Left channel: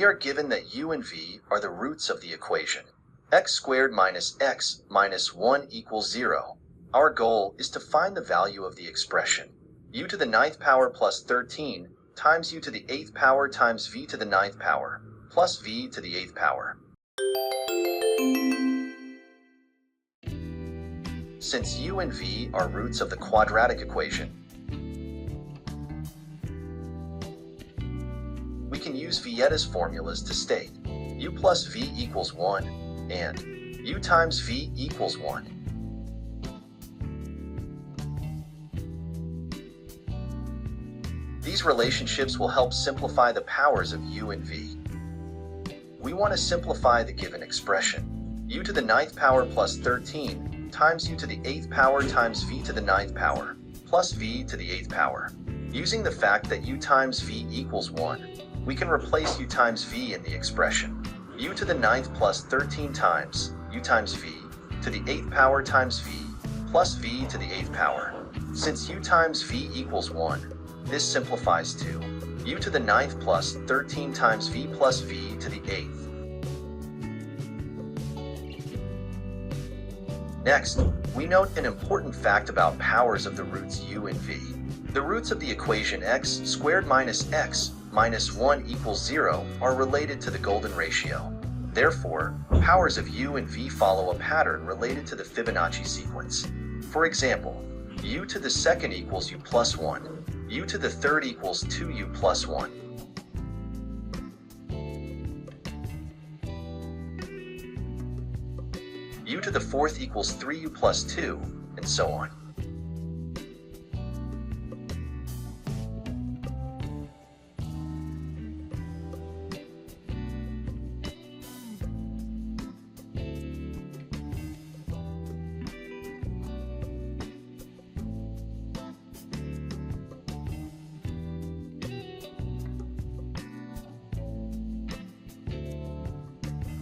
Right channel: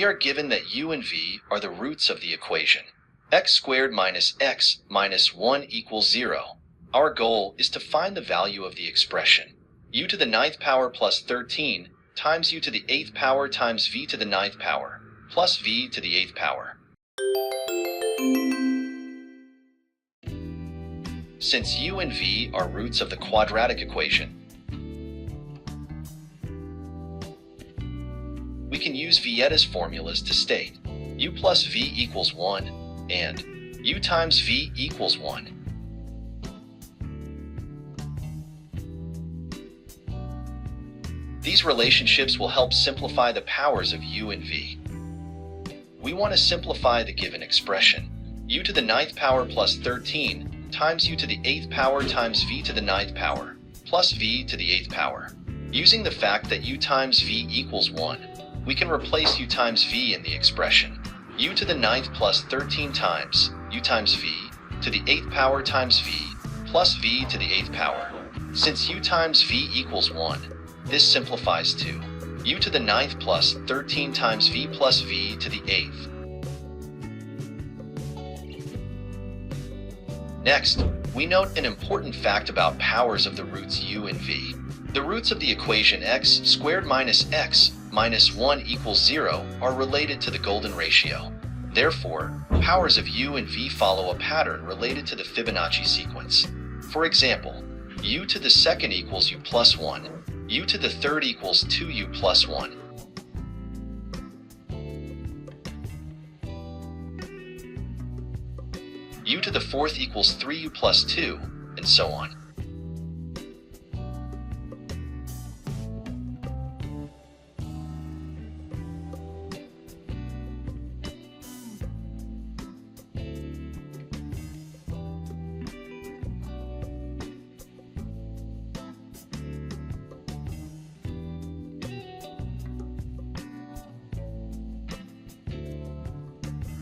We are given that u and v are the roots of the equation x squared minus x minus 1 equals 0. Our goal is to find the value of the expression u to the 9th power plus 13 times u to the 8th power times v to the 9th power plus v to the 8th power. Since u and v are roots of the quadratic equation, we can use Vieta's formulas to state u plus v equals 1 and u times v equals 1. These relationships will help simplify the powers of u and v. We want to simplify the given expression u to the 9th power plus 13 times u to the 8th power times v to the 9th power plus v to the 8th power. Using the fact that u times v equals 1, we can replace u times v in the expression u to the 9th plus 13 times u times v to the 8th power times v plus v to the 8th power. Since u times v equals 1, this simplifies to u to the 9th plus 13 times v plus v to the 8th. Next, we note an important fact about powers of the roots u and v. The roots of the equation x squared minus x minus 1 equals 0 are related to the golden ratio. Therefore, powers of u and v follow a pattern related to the Fibonacci sequence. For example, u to the 2nd equals u plus 1, u to the 3rd equals 2u plus 1. U to the 4th equals 3u plus 2, and so on.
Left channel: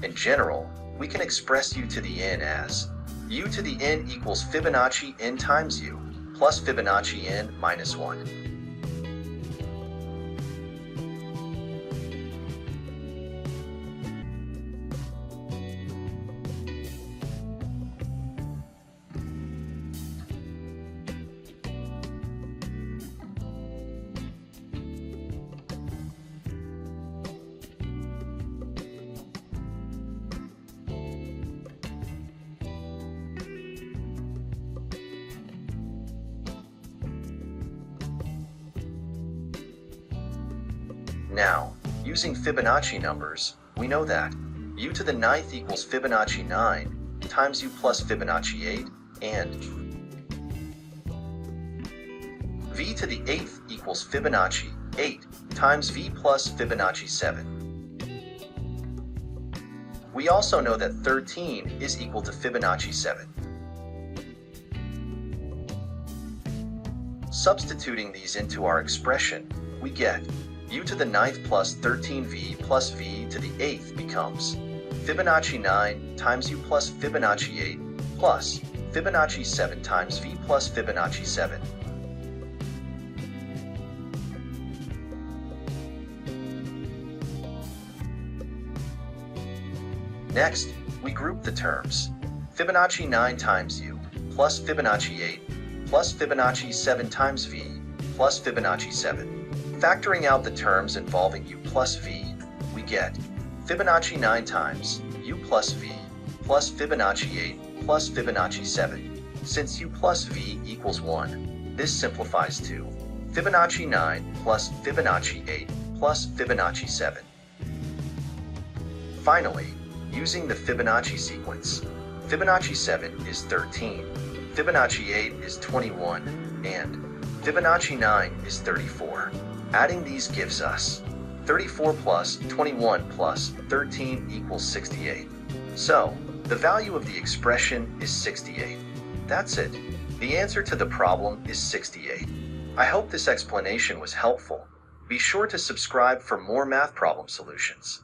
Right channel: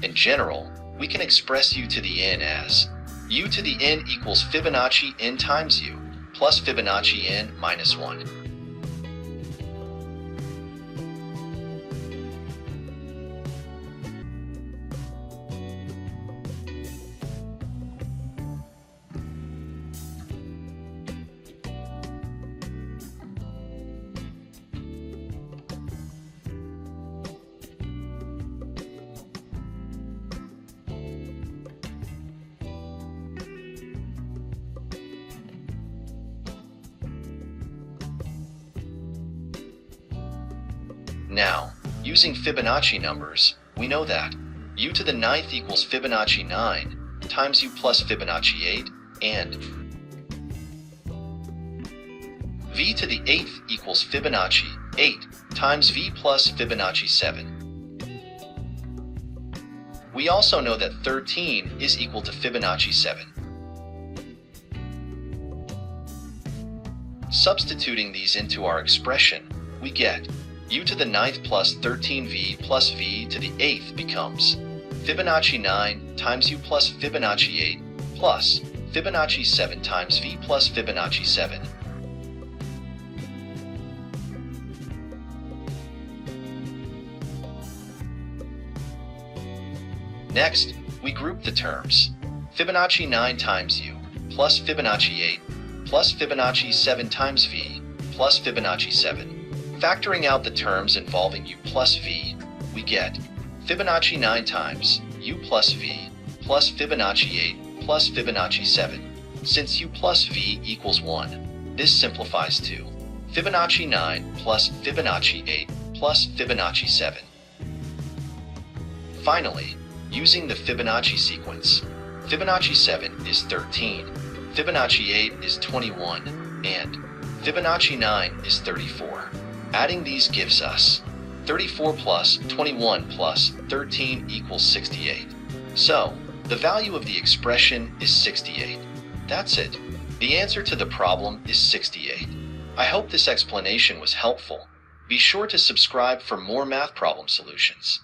In general, we can express u to the n as u to the n equals Fibonacci n times u plus Fibonacci n minus 1. Now, using Fibonacci numbers, we know that u to the 9th equals Fibonacci 9 times u plus Fibonacci 8, and v to the 8th equals Fibonacci 8 times v plus Fibonacci 7. We also know that 13 is equal to Fibonacci 7. Substituting these into our expression, we get u to the 9th plus 13v plus v to the 8th becomes Fibonacci 9 times u plus Fibonacci 8 plus Fibonacci 7 times v plus Fibonacci 7. Next, we group the terms Fibonacci 9 times u plus Fibonacci 8 plus Fibonacci 7 times v plus Fibonacci 7. Factoring out the terms involving u plus v, we get Fibonacci 9 times u plus v plus Fibonacci 8 plus Fibonacci 7. Since u plus v equals 1, this simplifies to Fibonacci 9 plus Fibonacci 8 plus Fibonacci 7. Finally, using the Fibonacci sequence, Fibonacci 7 is 13, Fibonacci 8 is 21, and Fibonacci 9 is 34. Adding these gives us 34 plus 21 plus 13 equals 68. So, the value of the expression is 68. That's it. The answer to the problem is 68. I hope this explanation was helpful. Be sure to subscribe for more math problem solutions.